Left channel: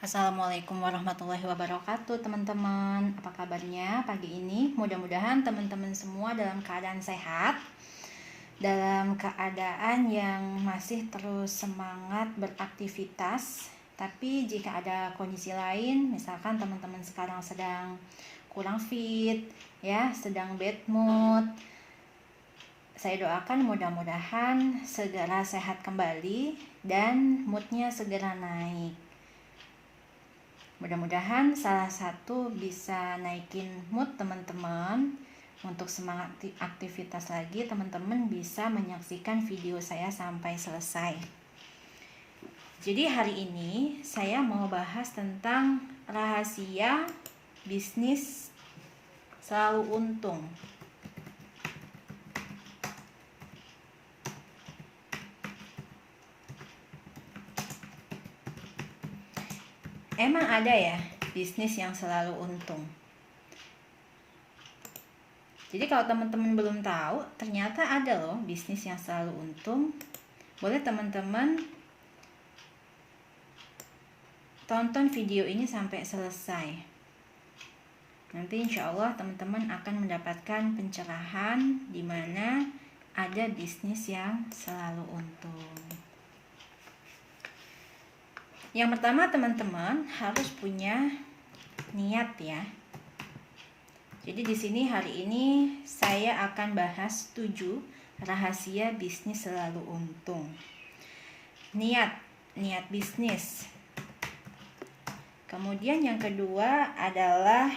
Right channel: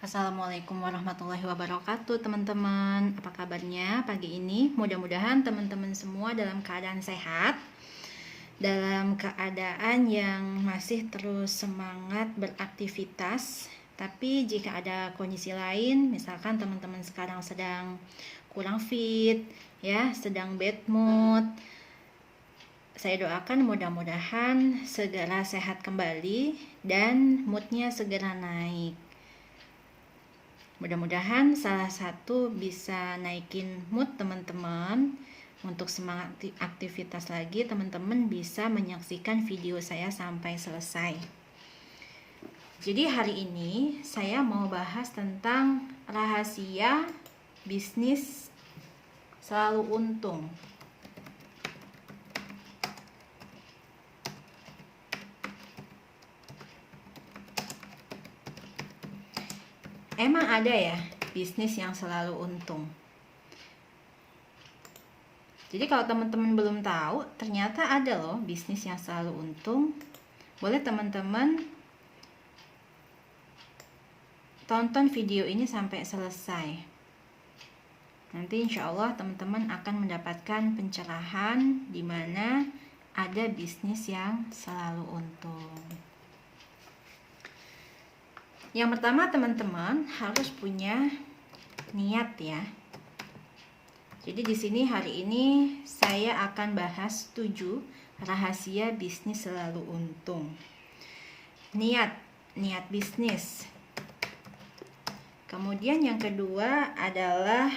Assalamualaikum warahmatullahi wabarakatuh teman-teman. Apa kabarnya pagi ini? Mudah-mudahan teman-teman semua dalam keadaan sehat, dalam keadaan yang masih terus semangat beraktivitas. Tapi jika ada kondisi lain, misalkan teman-teman sekarang sedang kurang fit, ya, sedang bad mood, saya doakan mudah-mudahan segera sehat kembali dan moodnya segera naik. Mudah-mudahan salah satu bisa naikin mood teman-teman. Untuk semangat aktivitas lagi, teman-teman bisa menyaksikan video saya sampai selesai. Jadi hari ini saya mau bahas tentang rahasia bisnis selalu untung. Emang ada ya bisnis yang selalu untung? Jadi kalau teman-teman belum tahu, ternyata ada loh bisnis yang selalu untung. Boleh teman-teman tonton video ini sampai selesai. Nanti insya Allah teman-teman akan mendapatkan pencerahan di mana ada bisnis yang selalu untung. Yang pertama, teman-teman harus punya niat ya. Jadi di sini hari ini saya akan bahas 7 rahasia bisnis selalu untung. Niat bisnis. Kemudian yang kedua adalah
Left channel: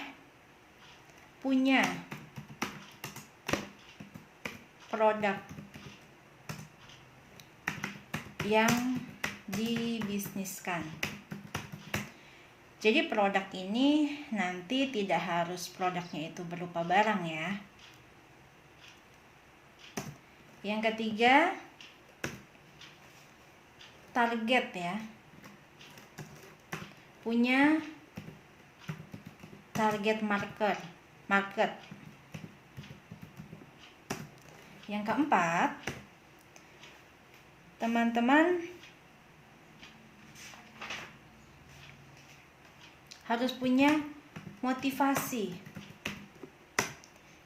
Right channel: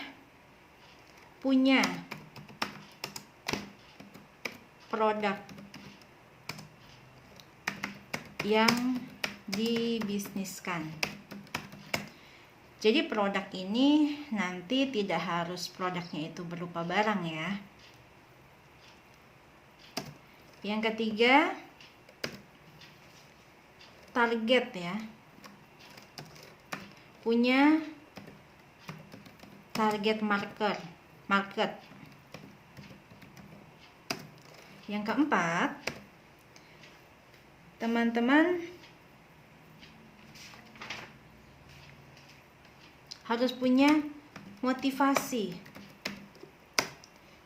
punya produk yang dibisniskan. Jadi produk ini nanti tidak harus produknya itu berupa barang ya. Yang ketiga, target ya. Punya target market. Yang keempat, teman-teman harus punya motivasi.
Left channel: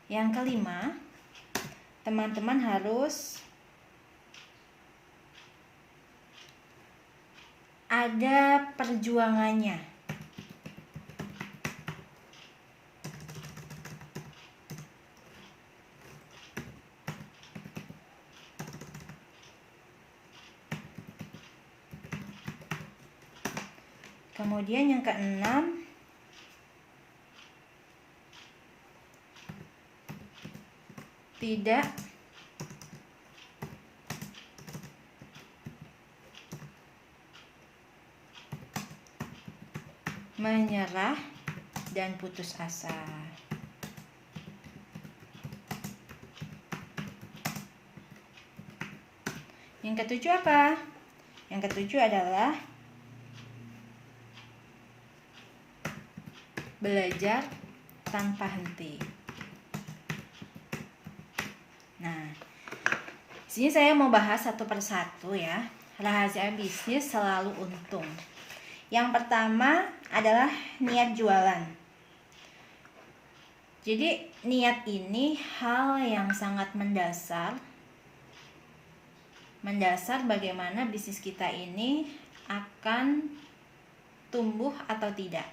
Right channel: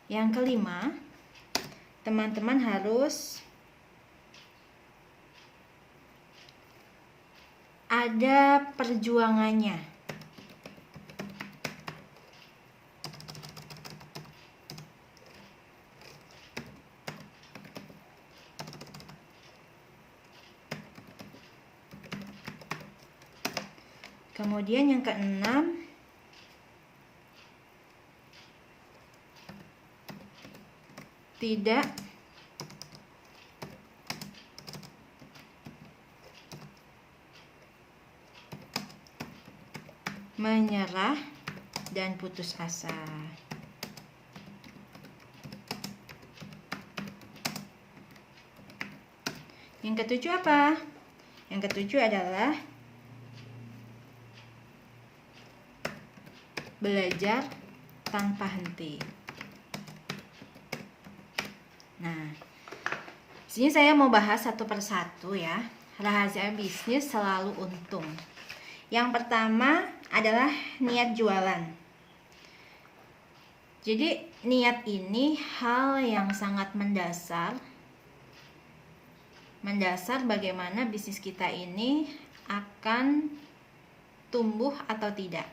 Yang kelima, teman-teman harus ada perjuangannya. Kemudian yang keenam, tidak menyerah dan putus asa. Yang ketujuh apa? Yang ketujuh adalah belajar tanpa henti. Nah, sini saya mau bahas satu persatu ya. Rahasia bisnis selalu untung. Yang pertama adalah niat jualan. Jadi niat ini hal yang sangat mendasar bagaimana bisnis kita ini akan tumbuh atau tidak.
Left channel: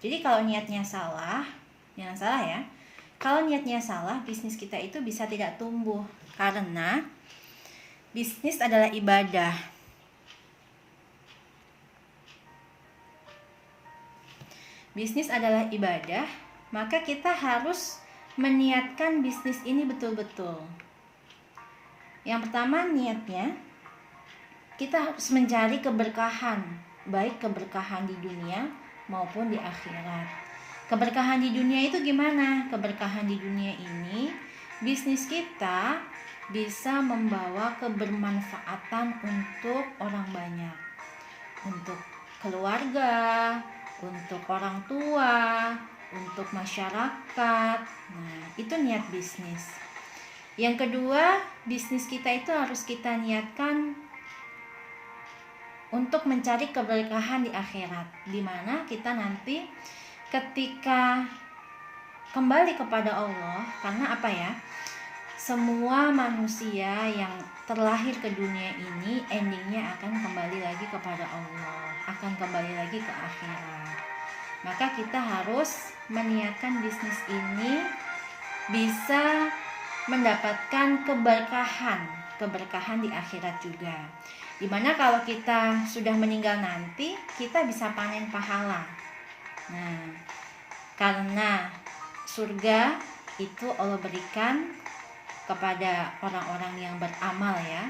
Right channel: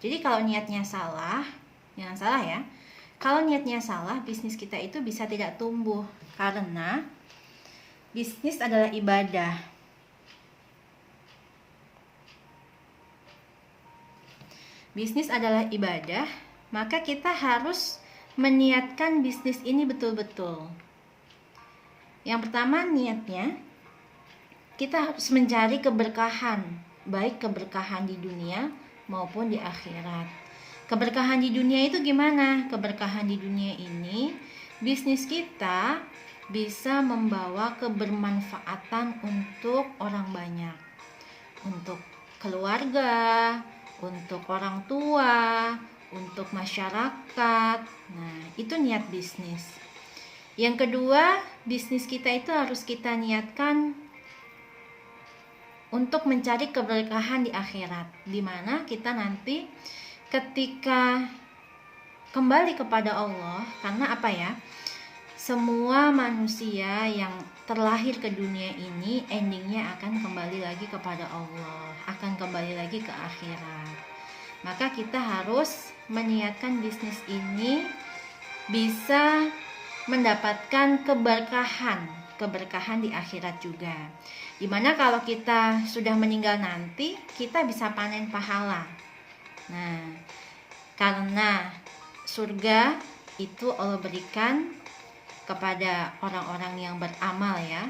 Jadi kalau niatnya salah, jangan salah ya. Kalau niatnya salah, bisnis kita itu bisa tidak tumbuh. Karena bisnis adalah ibadah. Bisnis adalah ibadah, maka kita harus meniatkan bisnis ini betul-betul. Yang pertama niatnya, kita harus mencari keberkahan, baik keberkahan di dunia maupun di akhirat. Keberkahan di dunia itu gimana? Keberkahan di dunia ini, bisnis kita bisa membawa kebermanfaatan untuk orang banyak, untuk keluarga, untuk orang tua, untuk masyarakat. Nah, itu niat bisnis. Yang kedua, bisnis kita itu harus kita niatkan untuk mencari keberkahan di akhirat, dimana kita nanti ketika kembali kepada Allah. Karena apa ya, semua manusia yang terlahir ke dunia ini endingnya akan kembali lagi kepada Allah, akan kembali lagi ke akhirat. Maka kita harus meniatkan bisnis ini bisa mendapatkan keberkahan di akhirat juga. Dimana kalau kita sudah meninggal nanti, kita bisa panen pahala. Nah, karena surga itu Allah berikan kepada orang-orang yang beramal ya.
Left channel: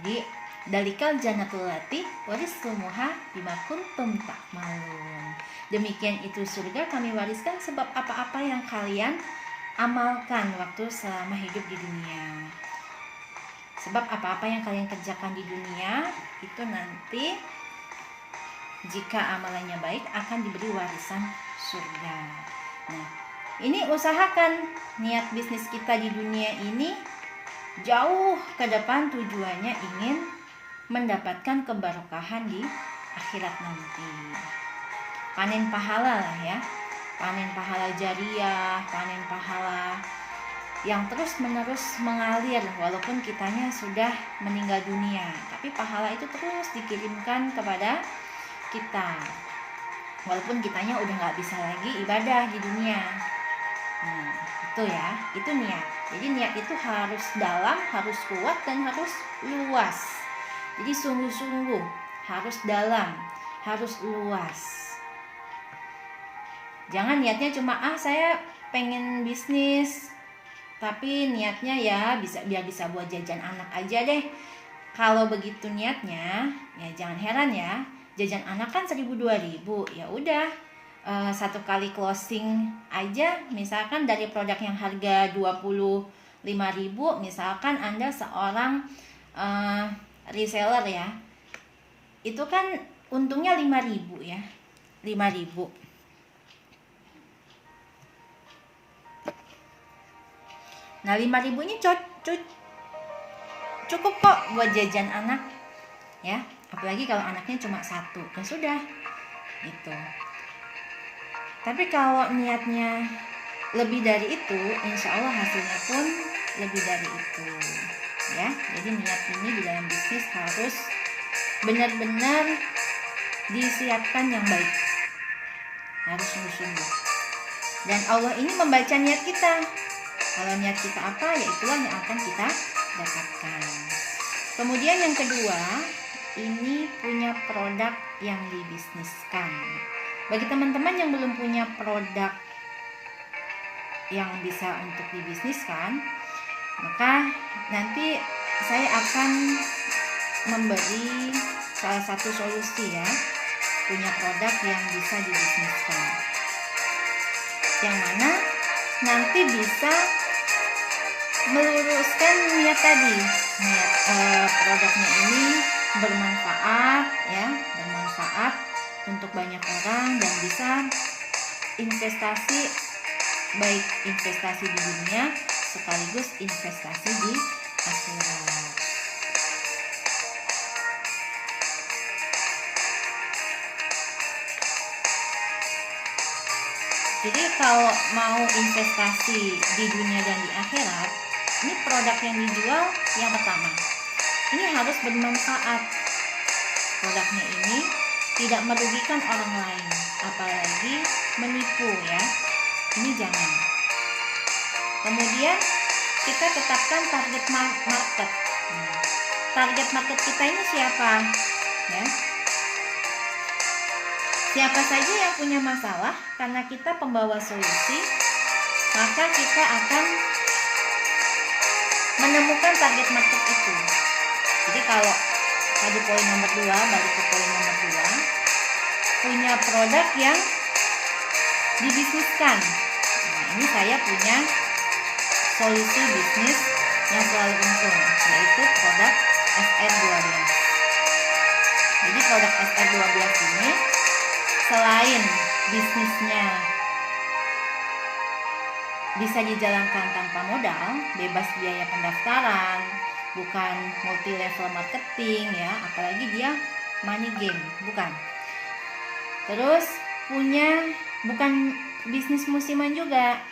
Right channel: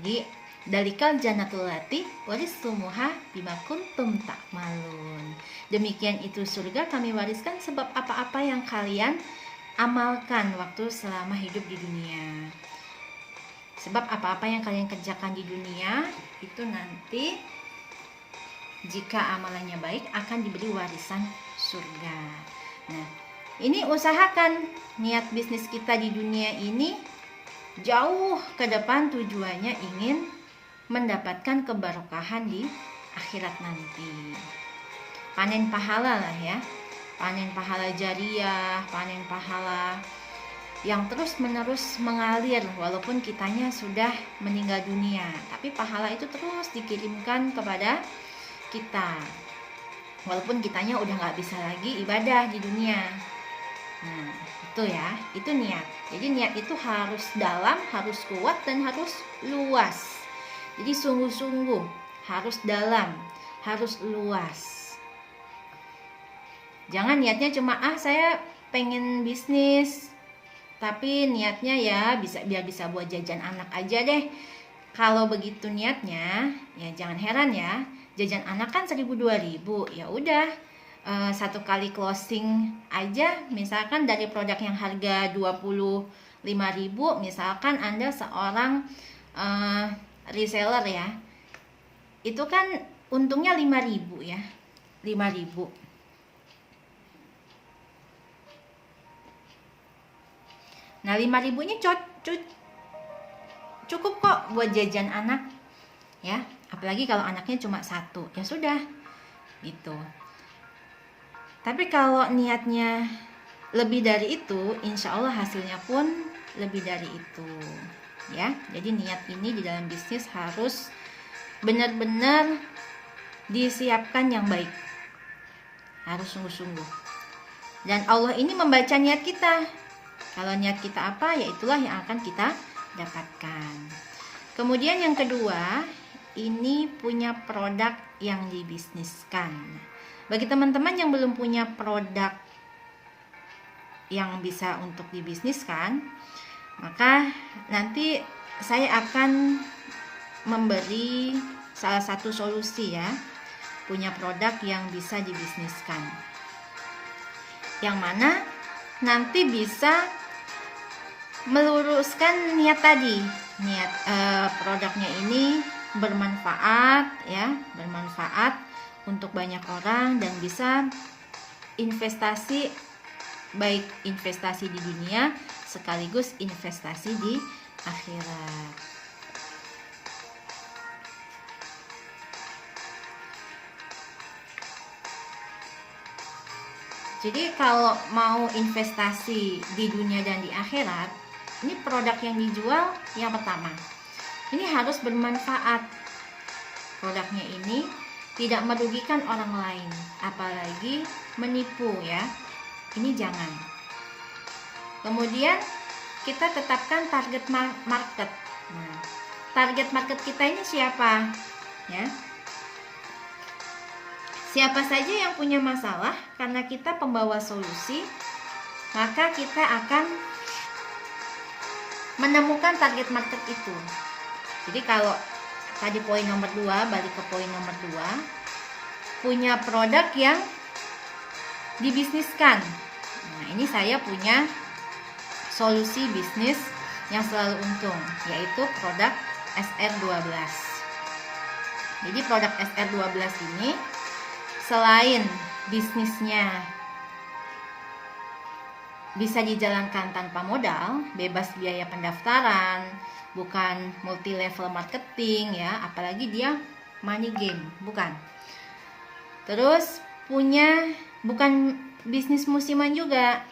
Jadi dalikal jannatul lati warisumuha bima kuntum ta'malun. Demikian itu surga kami wariskan sebab apa-apa yang kalian amalkan waktu selama hidup di dunia. Sebab apa-apa yang kalian kerjakan di dunia itu nanti jika amalannya baik akan diberi warisan surga. Nah, ini usahakan niat bisnis kita di dunia ini jauh ke depan, tujuannya ingin mendapatkan keberkahan di akhirat nanti. Panen pahala lah ya, panen pahala jariah, panen pahala yang terus menerus mengalir walaupun kitanya sudah meninggal dunia, tapi pahala itu terus dikirimkan kepada kita walaupun kitanya udah gak bisa lagi ibadah di dunia. Nah, itu ya, itu niat. Jadi niat itu harus dalam, harus kuat, dan harus luas. Jadi sungguh-sungguh, harus dalam, harus luas. Jangan niatnya cuma saya pengen bisnis, tapi niatnya ya biar bisa buat jajan anak aja deh. Kalau begitu niatnya, ya jangan heran ya. Jajan anak kan 1.000-2.000, ya udah. Satu kali closing aja, misalkan dari produk yang harga 25.000, misalkan Anda seorang reseller ya, itu kan untungnya 5.000 ya, 5.000. Nah 5.000 ini cukup kok buat jajan anak ya, apalagi kalau anaknya cuma satu, ya sudah gitu. Tapi kalau niatnya lebih dari itu, insya Allah hasilnya pun lebih dari itu ya. Jadi niat ini di dalam bisnis harus benar-benar disiapkan yang baik, harus sungguh-sungguh. Dan Allah ini membaca niat kita. Kalau niat kita apa, ya itulah yang akan kita dapatkan. Kemudian yang kedua, ini punya produk yang dibisniskan. Bagi teman-teman yang belum punya produk yang bisa untuk dibisniskan, maka nanti saya akan memberi salah satu solusi ya, punya produk yang bisa dibisniskan, yang mana nanti bisa meluruskan niat tadi. Niat produknya ini bermanfaat ya, bermanfaat untuk banyak orang dan bisa investasi, baik investasi di dunia sekaligus investasi di akhirat. Jadi kalau mau investasi di dunia dan di akhirat, ini produk yang dijual yang pertama, ini harus bermanfaat. Produknya ini tidak merugikan orang lain, apalagi menipu ya. Ini jangan. Kemudian kita tetapkan target market. Target market kita ini siapa? Ya. Siapa saja yang punya masalah, karena kita pembawa solusi, maka kita akan menemukan target market itu. Jadi kalau tadi poin nomor 2, balik ke poin nomor 2, punya produk yang dibisniskan. Nah, ini saya punya solusi bisnis yang selalu untung, yaitu produk SR12. Jadi produk SR12 ini selain bisnisnya bisa dijalankan tanpa modal, bebas biaya pendaftaran, bukan multi level marketing ya, apalagi dia money game, bukan. Terus bukan bisnis musiman juga,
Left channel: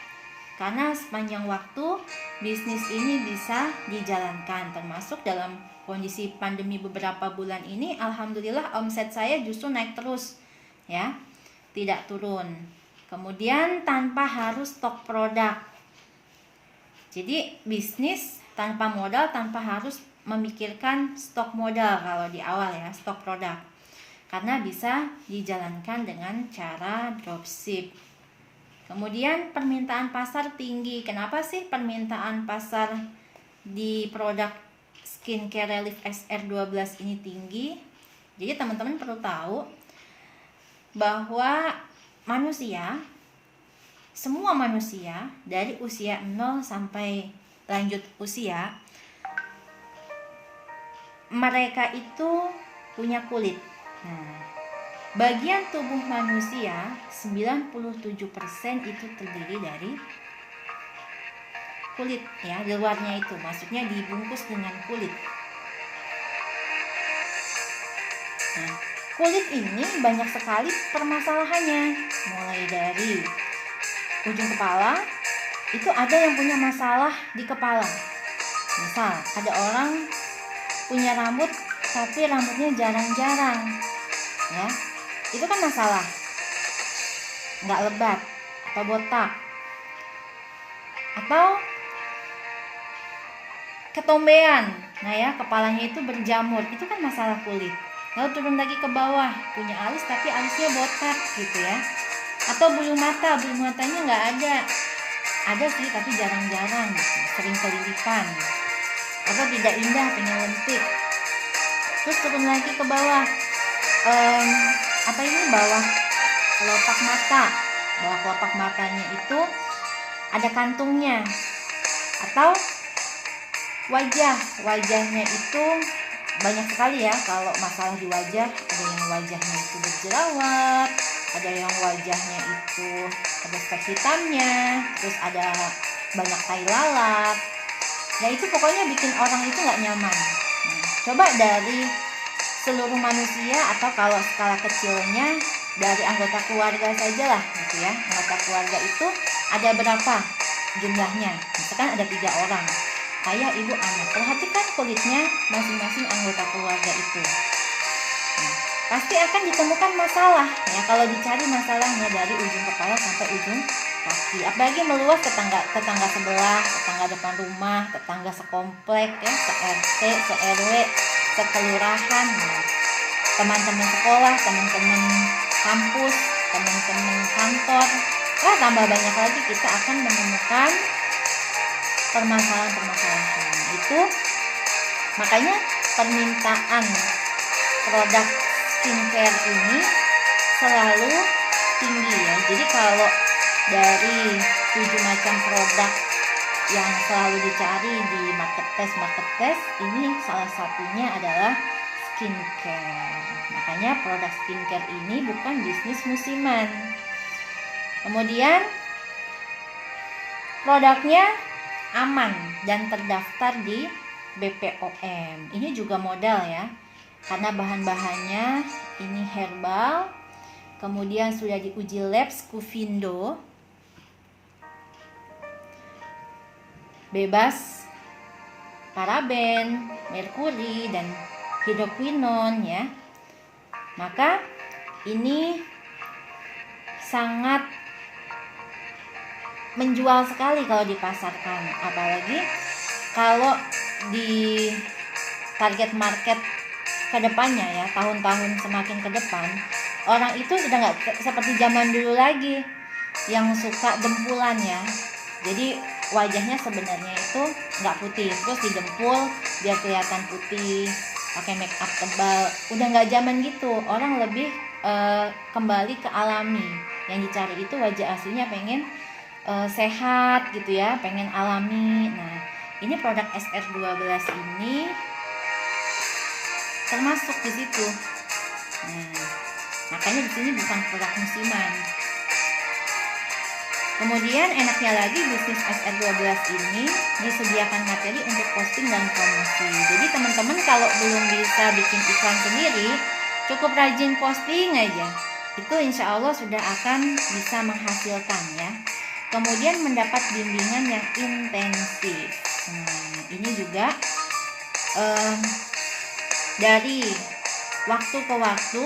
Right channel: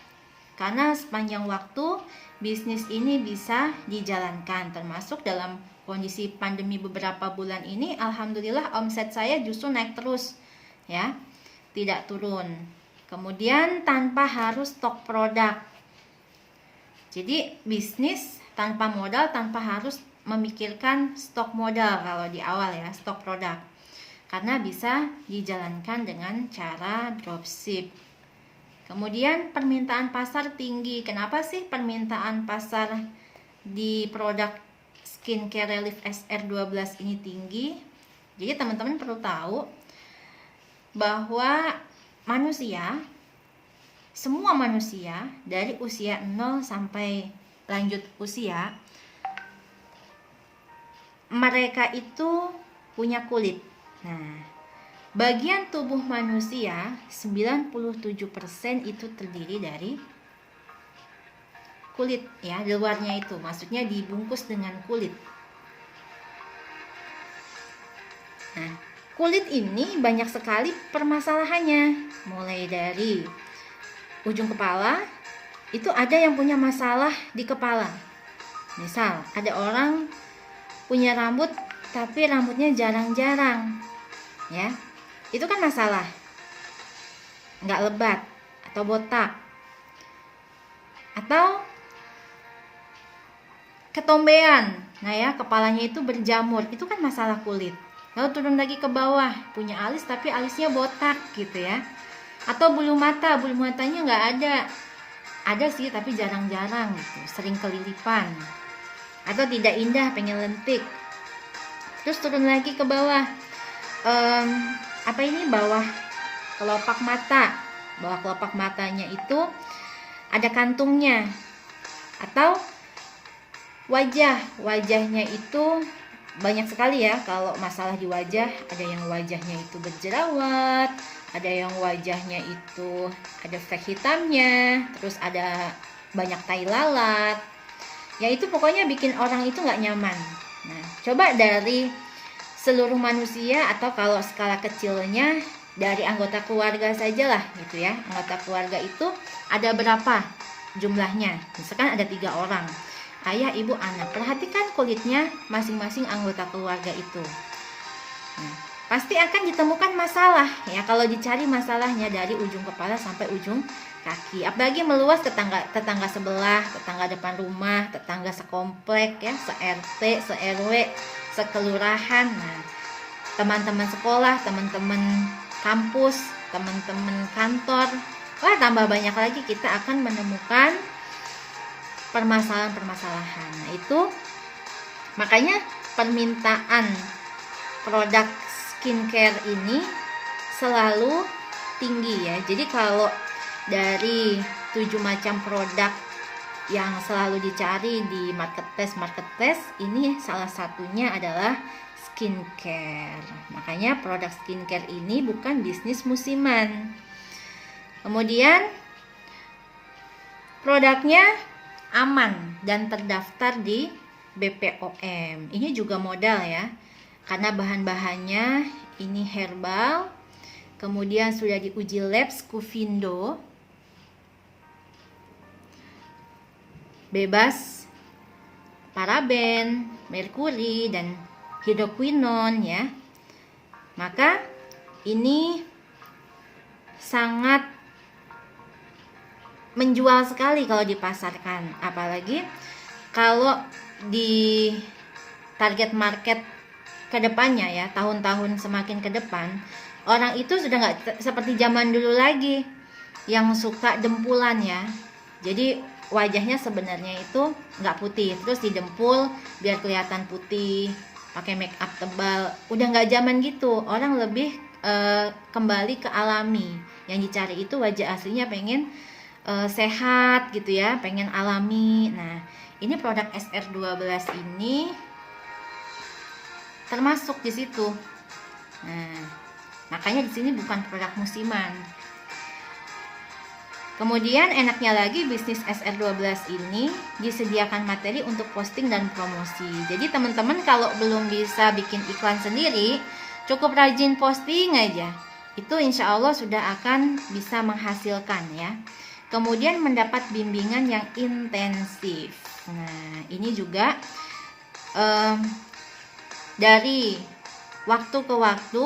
karena sepanjang waktu bisnis ini bisa dijalankan, termasuk dalam kondisi pandemi beberapa bulan ini. Alhamdulillah omset saya justru naik terus ya, tidak turun. Kemudian tanpa harus stok produk. Jadi bisnis tanpa modal, tanpa harus memikirkan stok modal kalau di awal ya, stok produk. Karena bisa dijalankan dengan cara dropship. Kemudian permintaan pasar tinggi. Kenapa sih permintaan pasar di produk skincare Relief XR12 ini tinggi? Jadi teman-teman perlu tahu bahwa semua manusia dari usia 0 sampai lanjut usia, mereka itu punya kulit. Nah, bagian tubuh manusia 97% itu terdiri dari kulit ya, di luarnya itu maksudnya dibungkus dengan kulit. Nah, kulit ini banyak sekali permasalahannya, mulai dari ujung kepala. Itu ada yang punya masalah di kepala. Misal ada orang punya rambut tapi rambutnya jarang-jarang ya, itu kan masalah, nggak lebat atau botak. Atau ketombean, nah ya, kepalanya itu berjamur, itu kan masalah kulit. Lalu turun lagi ke bawah, punya alis tapi alisnya botak gitu ya. Atau bulu matanya nggak ada sih tapi jarang-jarang gitu, sering kelilipan. Atau tidak indah, pengen lentik. Terus turun lagi ke bawah, bawah kelopak matanya itu ada kantungnya. Atau wajahnya itu banyak sekali ya, kalau masalah di wajah, ada yang wajahnya itu berjerawat, ada yang wajahnya itu ada stek hitamnya, terus ada banyak tai lalat. Ya itu pokoknya bikin orang itu nggak nyaman. Nah, coba dari seluruh manusia, atau kalau skala kecilnya dari anggota keluarga saja lah gitu ya. Anggota keluarga itu ada berapa jumlahnya? Misalkan ada 3 orang, ayah, ibu, anak. Perhatikan kulitnya masing-masing anggota keluarga itu. Nah, pasti akan ditemukan masalah ya, kalau dicari masalahnya dari ujung kepala sampai ujung kaki. Apalagi meluas tetangga sebelah, tetangga depan rumah, tetangga sekomplek ya, se-RT, se-RW, sekelurahan. Nah, teman-teman sekolah, teman-teman kampus, teman-teman kantor. Wah, tambah banyak lagi kita akan menemukan permasalahan-permasalahan. Itu makanya permintaan produk skincare ini selalu tinggi ya. Jadi kalau dari 7 macam produk yang selalu dicari di marketplace, ini salah satunya adalah skincare. Makanya produk skincare ini bukan bisnis musiman. Kemudian produknya aman dan terdaftar di BPOM. Ini juga modal ya, karena bahan-bahannya ini herbal, kemudian sudah diuji lab Scufindo, bebas paraben, merkuri, dan hidroquinon ya. Maka ini sangat menjual sekali kalau dipasarkan, apalagi kalau di target market kedepannya ya, tahun-tahun semakin ke depan, orang itu sudah nggak seperti zaman dulu lagi yang suka dempulan ya. Jadi wajahnya sebenarnya itu nggak putih, terus didempul biar kelihatan putih, pakai make up tebal. Udah nggak zaman gitu, orang lebih kembali ke alami. Yang dicari itu wajah aslinya pengen sehat gitu ya, pengen alami. Nah, ini produk SR12 ini termasuk di situ. Nah, makanya di sini bukan produk musiman. Kemudian enaknya lagi bisnis SR12 ini disediakan materi untuk posting dan promosi. Jadi teman-teman kalau belum bisa bikin iklan sendiri, cukup rajin posting aja. Itu insya Allah sudah akan bisa menghasilkan ya. Kemudian mendapat bimbingan yang intensif. Nah ini juga dari waktu ke waktu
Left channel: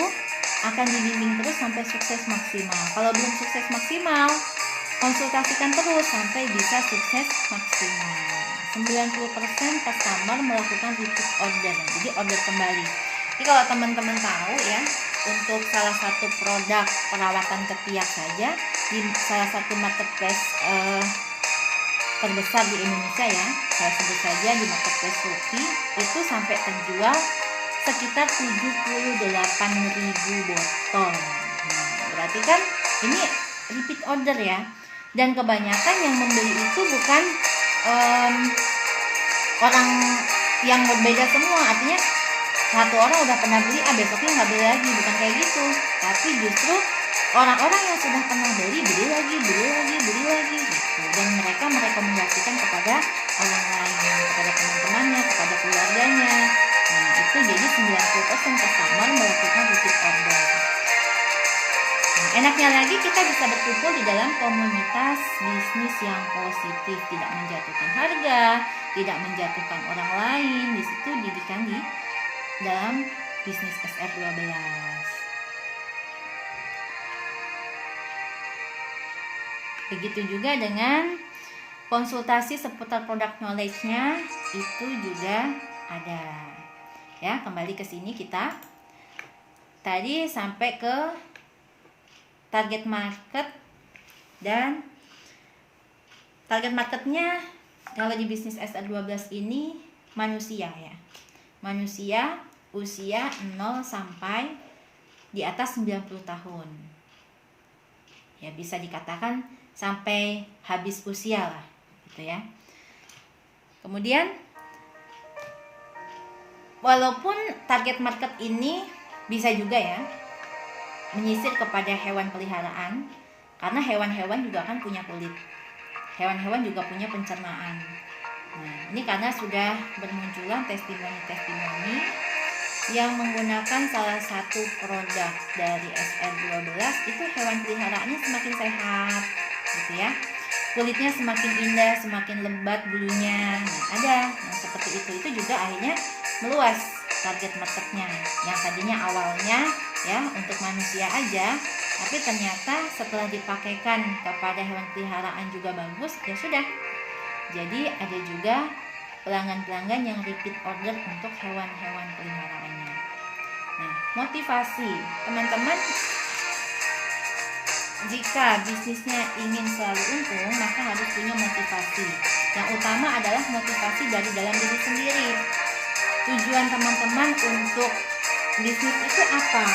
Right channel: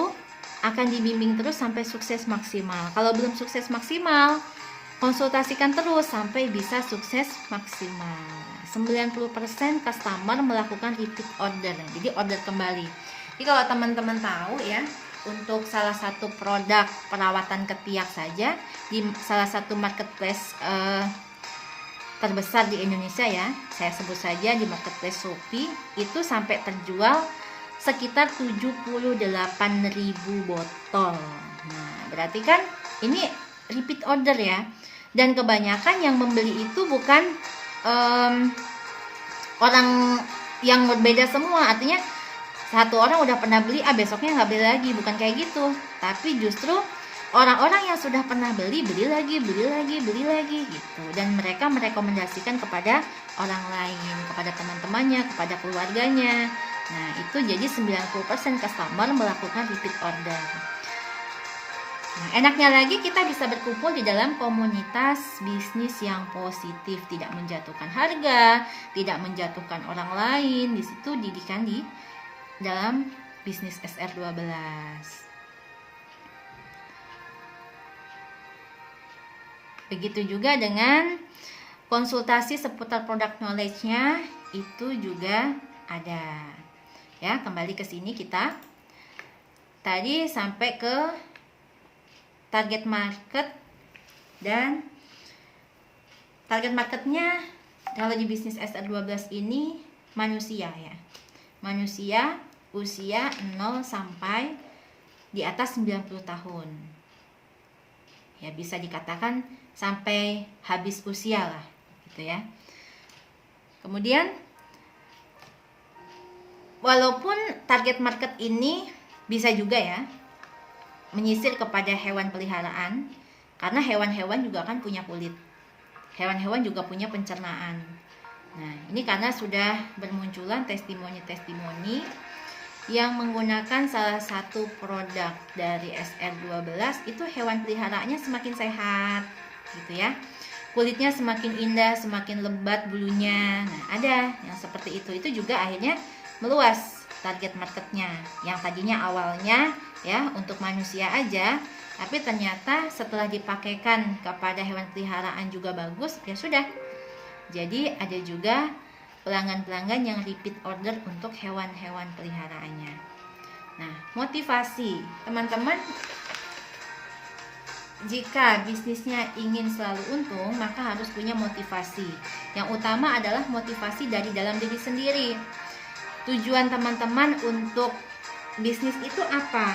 akan dibimbing terus sampai sukses maksimal. Kalau belum sukses maksimal, konsultasikan terus sampai bisa sukses maksimal. 90% customer melakukan repeat order, jadi order kembali. Jadi kalau teman-teman tahu ya, untuk salah satu produk perawatan ketiak saja di salah satu marketplace terbesar di Indonesia ya, saya sebut saja di marketplace Shopee, itu sampai terjual sekitar 78.000 botol. Nah, berarti kan ini repeat order ya. Dan kebanyakan yang membeli itu bukan orang yang berbeda semua. Artinya satu orang udah pernah beli, besoknya nggak beli lagi. Bukan kayak gitu. Tapi justru orang-orang yang sudah pernah beli lagi gitu. Dan mereka merekomendasikan kepada orang lain, kepada teman-temannya, kepada keluarganya. Nah itu jadi 90% customer melakukan repeat order. Nah, enaknya lagi kita bisa berkumpul di dalam komunitas bisnis yang positif, tidak menjatuhkan harga, tidak menjatuhkan orang lain. Di situ didikan di dalam bisnis SR12. Begitu juga dengan konsultasi seputar produk knowledge-nya itu juga ada. Ya, kembali ke sini kita. Tadi sampai ke target market, dan target marketnya kalau di bisnis SR12 ini manusia ya, manusia usia 0 sampai di atas 90 tahun ya, bisa dikatakan sampai habis usia lah gitu ya. Kemudian walaupun target market ini bisa juga ya menyisir kepada hewan peliharaan, karena hewan-hewan juga kan punya kulit, hewan-hewan juga punya pencernaan. Nah ini karena sudah bermunculan testimoni-testimoni yang menggunakan salah satu produk dari SR12, itu hewan peliharaannya semakin sehat gitu ya, kulitnya semakin indah, semakin lebat bulunya. Nah ada yang seperti itu juga akhirnya meluas target marketnya, yang tadinya awalnya ya untuk manusia aja, tapi ternyata setelah dipakaikan kepada hewan peliharaan juga bagus, ya sudah. Jadi ada juga pelanggan-pelanggan yang repeat order untuk hewan-hewan peliharaannya. Nah, motivasi teman-teman, jika bisnisnya ingin selalu untung, maka harus punya motivasi. Yang utama adalah motivasi dari dalam diri sendiri. Tujuan teman-teman untuk bisnis itu apa?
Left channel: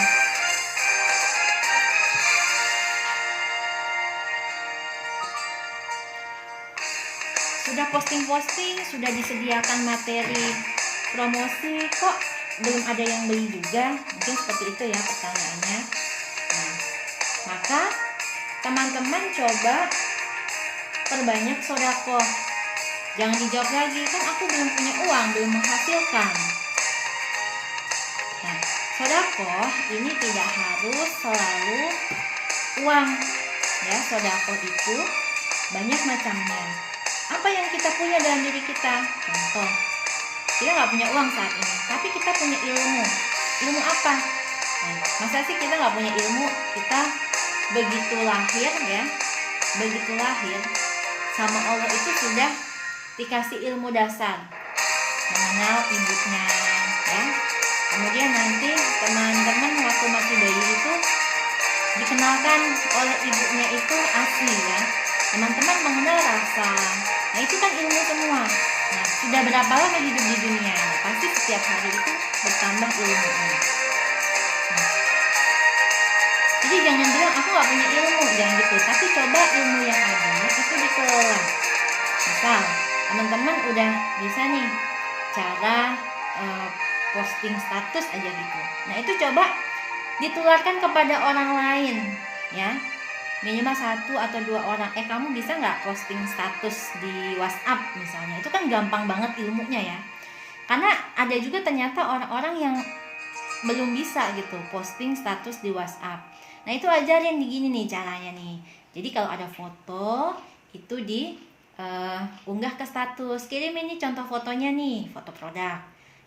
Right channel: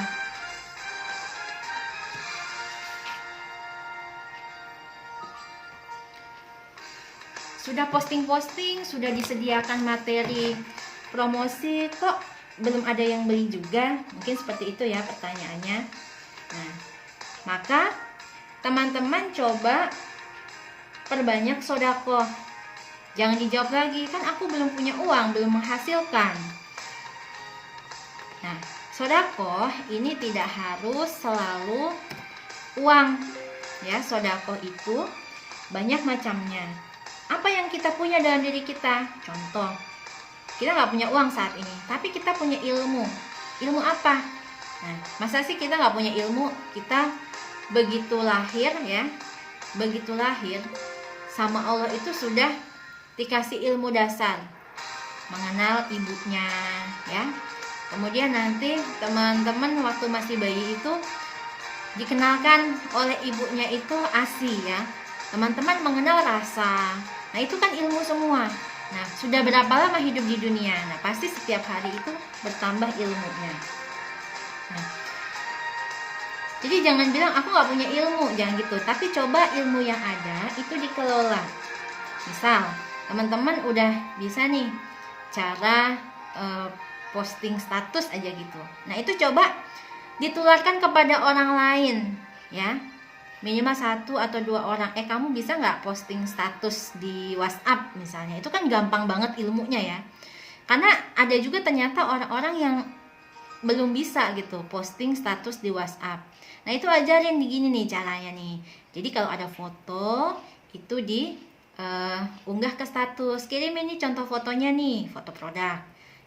Sudah posting-posting, sudah disediakan materi promosi, kok belum ada yang beli juga? Mungkin seperti itu ya pertanyaannya. Nah, maka teman-teman coba perbanyak sodako. Jangan dijawab lagi, kan aku belum punya uang, belum menghasilkan. Nah, sodako ini tidak harus selalu uang ya. Sodako itu banyak macamnya. Apa yang kita punya dalam diri kita? Contoh, kita nggak punya uang saat ini, tapi kita punya ilmu. Ilmu apa? Nah, masa sih kita nggak punya ilmu? Kita begitu lahir ya, begitu lahir sama Allah itu sudah dikasih ilmu dasar, mengenal ibunya ya. Kemudian nanti teman-teman waktu masih bayi itu dikenalkan oleh ibunya itu ASI ya. Teman-teman mengenal rasa. Nah itu kan ilmu semua. Nah sudah berapa lama hidup di dunia? Nah pasti setiap hari itu bertambah ilmunya. Nah, jadi jangan bilang aku gak punya ilmu, jangan gitu. Tapi coba ilmu yang ada itu dikelola. Misal teman-teman udah bisa nih cara posting status aja gitu. Nah itu coba ditularkan kepada orang lain ya. minimal 1 atau 2 orang. Kamu bisa nggak posting status di WhatsApp misalnya? Itu kan gampang banget ilmunya ya. Karena ada juga ternyata orang-orang yang belum bisa gitu posting status di WhatsApp. Nah itu ajarin gini nih caranya nih. Jadi kalau ada foto itu di unggah ke status, kirim ini contoh fotonya nih, foto produk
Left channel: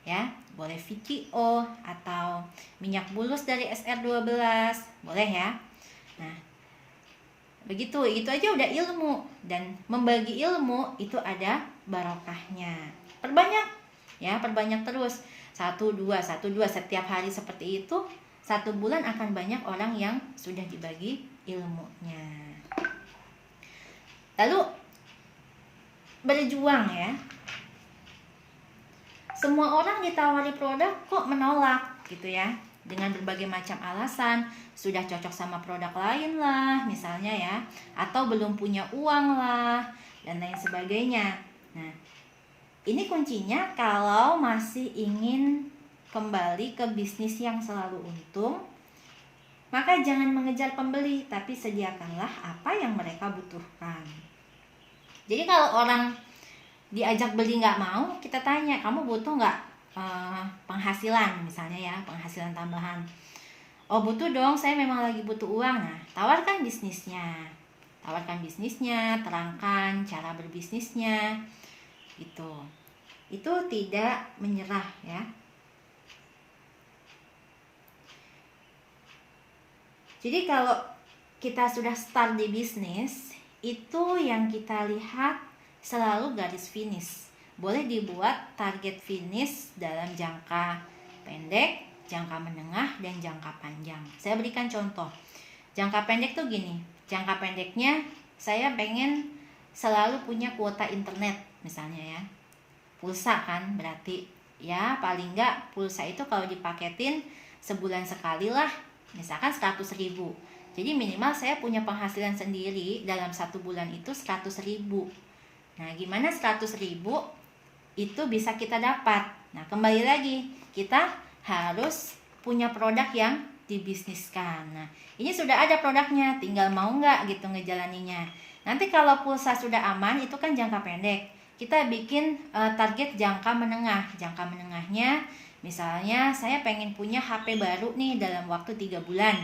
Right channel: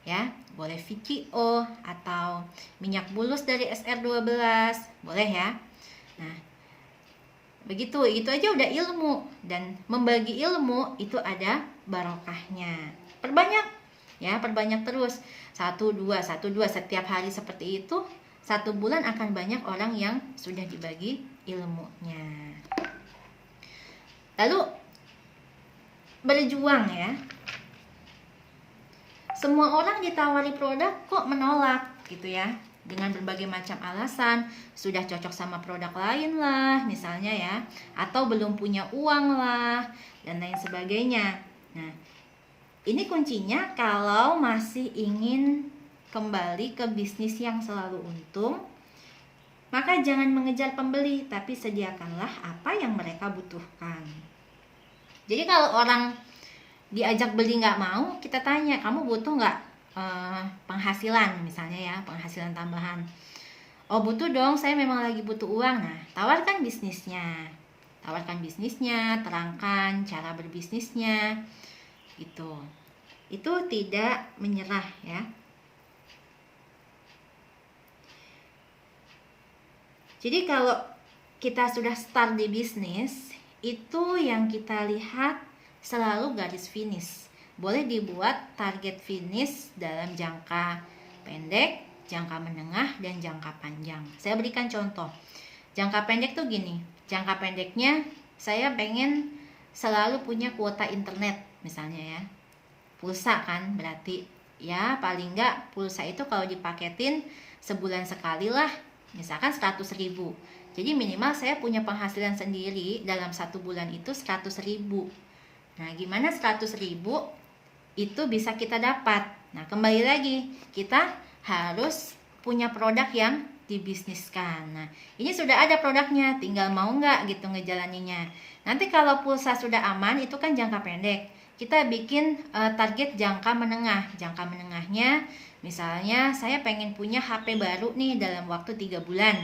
ya, boleh VCO atau minyak bulus dari SR12, boleh ya. Nah begitu, itu aja udah ilmu, dan membagi ilmu itu ada barokahnya. Perbanyak ya, perbanyak terus, 1-2 setiap hari seperti itu. 1 bulan akan banyak orang yang sudah dibagi ilmunya. Lalu berjuang ya. Semua orang ditawari produk kok menolak gitu ya, dengan berbagai macam alasan. Sudah cocok sama produk lain lah misalnya ya, atau belum punya uang lah, dan lain sebagainya. Nah ini kuncinya, kalau masih ingin kembali ke bisnis yang selalu untung, maka jangan mengejar pembeli, tapi sediakanlah apa yang mereka butuhkan. Jadi kalau orang diajak beli nggak mau, kita tanya, kamu butuh nggak penghasilan misalnya ya, penghasilan tambahan. Oh butuh dong, saya memang lagi butuh uang. Nah tawarkan bisnisnya, terangkan cara berbisnisnya gitu. Itu tidak menyerah ya. Jadi kalau kita sudah start di bisnis, itu yang kita lihat selalu garis finish. Boleh dibuat target finish dalam jangka pendek, jangka menengah, dan jangka panjang. Saya berikan contoh. Jangka pendek tuh gini, jangka pendeknya saya pengen selalu punya kuota internet misalnya ya. Pulsa kan berarti ya, paling nggak pulsa itu kalau dipaketin sebulan sekali lah, misalkan 100.000. Jadi minimal saya punya penghasilan sendiri dalam 1 bulan itu 100.000. Nah gimana 100.000 itu bisa kita dapat? Nah kembali lagi, kita harus punya produk yang dibisniskan. Nah ini sudah ada produknya, tinggal mau nggak gitu ngejalaninya. Nanti kalau pulsa sudah aman, itu kan jangka pendek. Kita bikin target jangka menengah. Jangka menengahnya misalnya saya pengen punya HP baru nih dalam waktu 3 bulan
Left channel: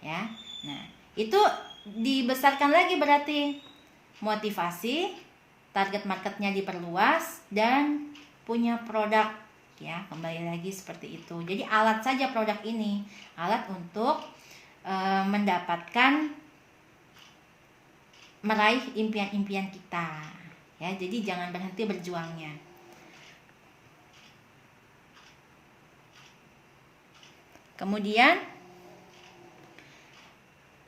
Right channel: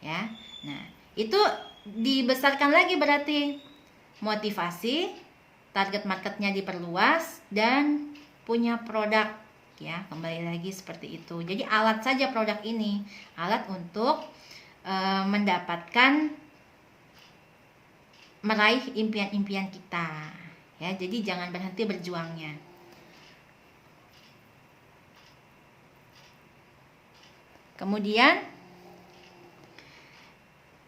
ya. Nah itu dibesarkan lagi, berarti motivasi, target marketnya diperluas, dan punya produk ya, kembali lagi seperti itu. Jadi alat saja produk ini, alat untuk mendapatkan, meraih impian-impian kita ya. Jadi jangan berhenti berjuangnya. Kemudian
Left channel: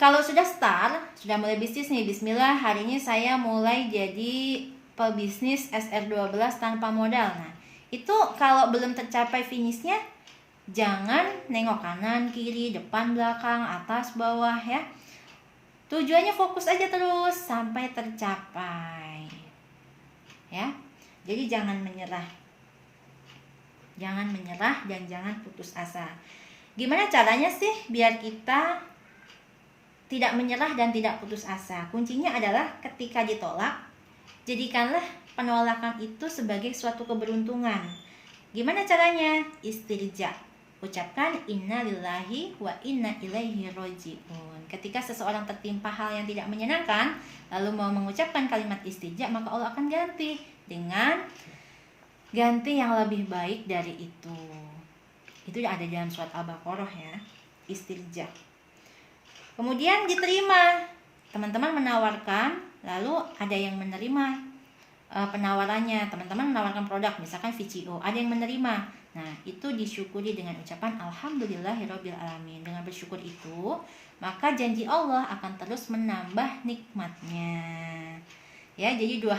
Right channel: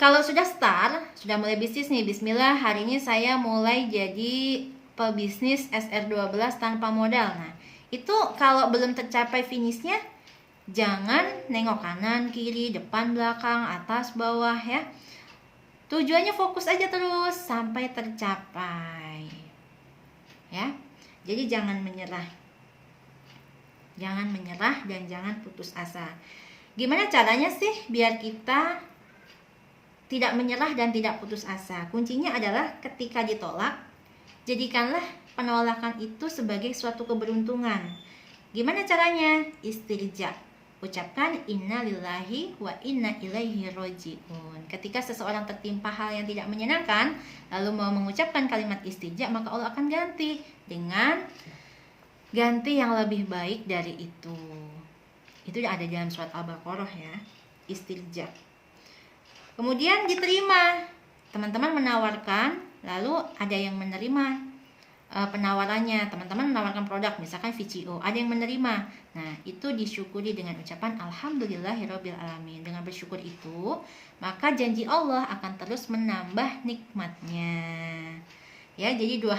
kalau sudah start, sudah mulai bisnis nih, bismillah hari ini saya mulai jadi pebisnis SR12 tanpa modal. Nah itu kalau belum tercapai finishnya, jangan nengok kanan, kiri, depan, belakang, atas, bawah ya. Tujuannya fokus aja terus sampai tercapai ya. Jadi jangan menyerah. Jangan menyerah dan jangan putus asa. Gimana caranya sih biar kita tidak menyerah dan tidak putus asa? Kuncinya adalah ketika ditolak, jadikanlah penolakan itu sebagai suatu keberuntungan. Gimana caranya? Istirja. Ucapkan inna lillahi wa inna ilaihi roji'un. Ketika seseorang tertimpa hal yang tidak menyenangkan, lalu mau mengucapkan kalimat istirja, maka Allah akan ganti dengan ganti yang lebih baik dari itu. Itu ada dalam surat Al-Baqarah ya, istirja. Kemudian diterima, teman-teman menawarkan, lalu ada yang menerima penawarannya. Teman-teman menawarkan produk misalkan VCO, ada yang menerima. Nah itu disyukuri dengan ucapan alhamdulillahirabbil alamin. Dengan bersyukur itu, maka janji Allah akan terus menambah nikmatnya ya. Jadi dua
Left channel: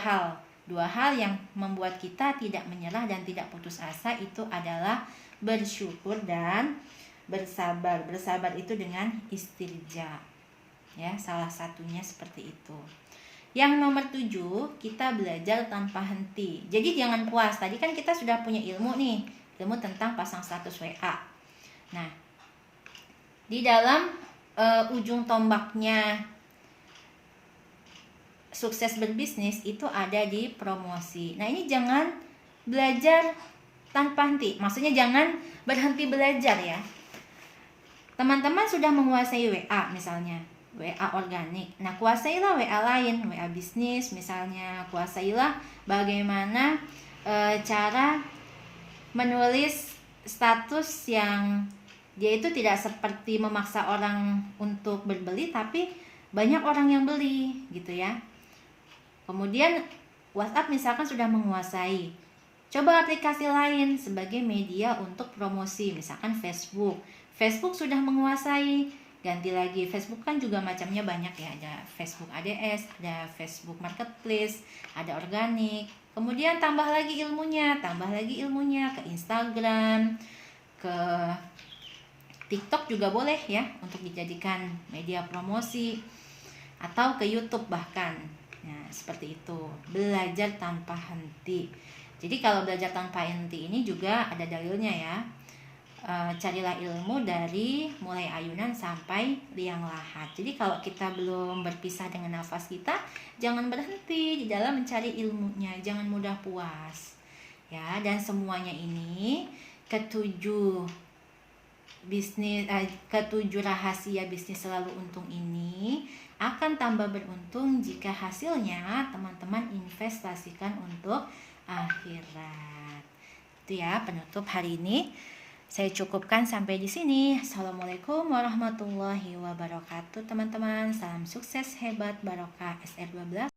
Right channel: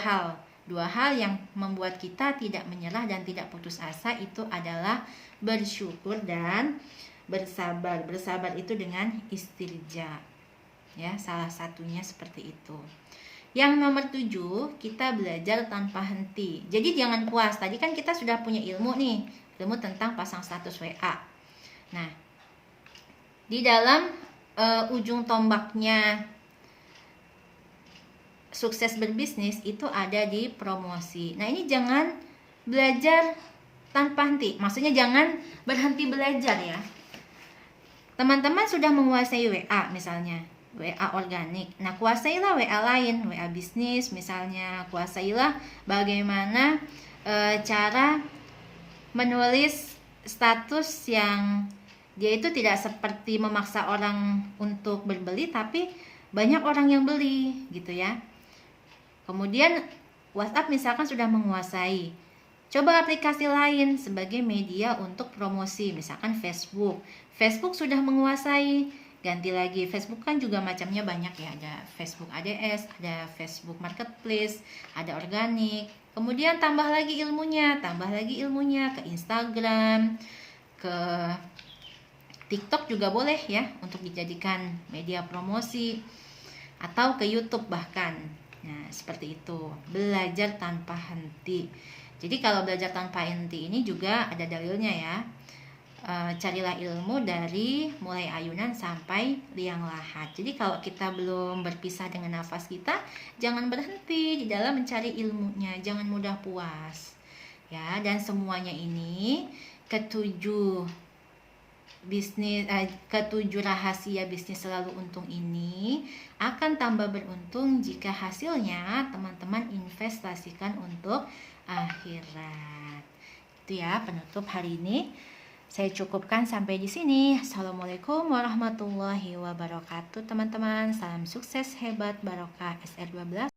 hal yang membuat kita tidak menyerah dan tidak putus asa itu adalah bersyukur dan bersabar. Bersabar itu dengan istirja ya, salah satunya seperti itu. Yang nomor 7, kita belajar tanpa henti. Jadi jangan puas. Tadi kan kita sudah punya ilmu nih, ilmu tentang pasang status WA. Nah, di dalam ujung tombaknya sukses berbisnis itu ada di promosi. Nah, ini jangan belajar tanpa henti. Maksudnya jangan berhenti belajar ya. Teman-teman sudah menguasai WA misalnya, WA organik. Nah, kuasailah WA lain, WA bisnis misalnya. Kuasailah bagaimana cara menulis status yang dia itu tidak seperti memaksa orang untuk berbeli, tapi banyak orang yang beli gitu ya. Kemudian WhatsApp misalkan sudah menguasai, coba aplikasi lain sebagai media untuk promosi, misalkan Facebook. Facebook sudah menguasai, ganti lagi. Facebook kan juga macamnya banyak ya, ada Facebook ADS, ada Facebook Marketplace, ada organik. Kemudian tambah lagi ilmunya ke Instagram, ke TikTok juga boleh ya untuk dijadikan media promosi, atau ke YouTube bahkan. Nah, seperti itu. Belajar tanpa henti. Jadi kalau belajar tanpa henti ini juga ada dalilnya ya. Carilah ilmu dari mulai ayunan sampai liang lahat. Jadi kalau kita belum berpisah dengan nafas kita, jangan berhenti di dalam mencari ilmunya, jangan mudah puas. Ya, dan semuanya ini ketujuh rahasia bisnis selalu untung ini akan tambah beruntung jika hasilnya teman-teman investasikan untuk akhirat. Itu ya penutup hari ini. Saya cukupkan sampai di sini. Assalamualaikum warahmatullahi wabarakatuh teman-teman. Salam sukses hebat barokah SR12.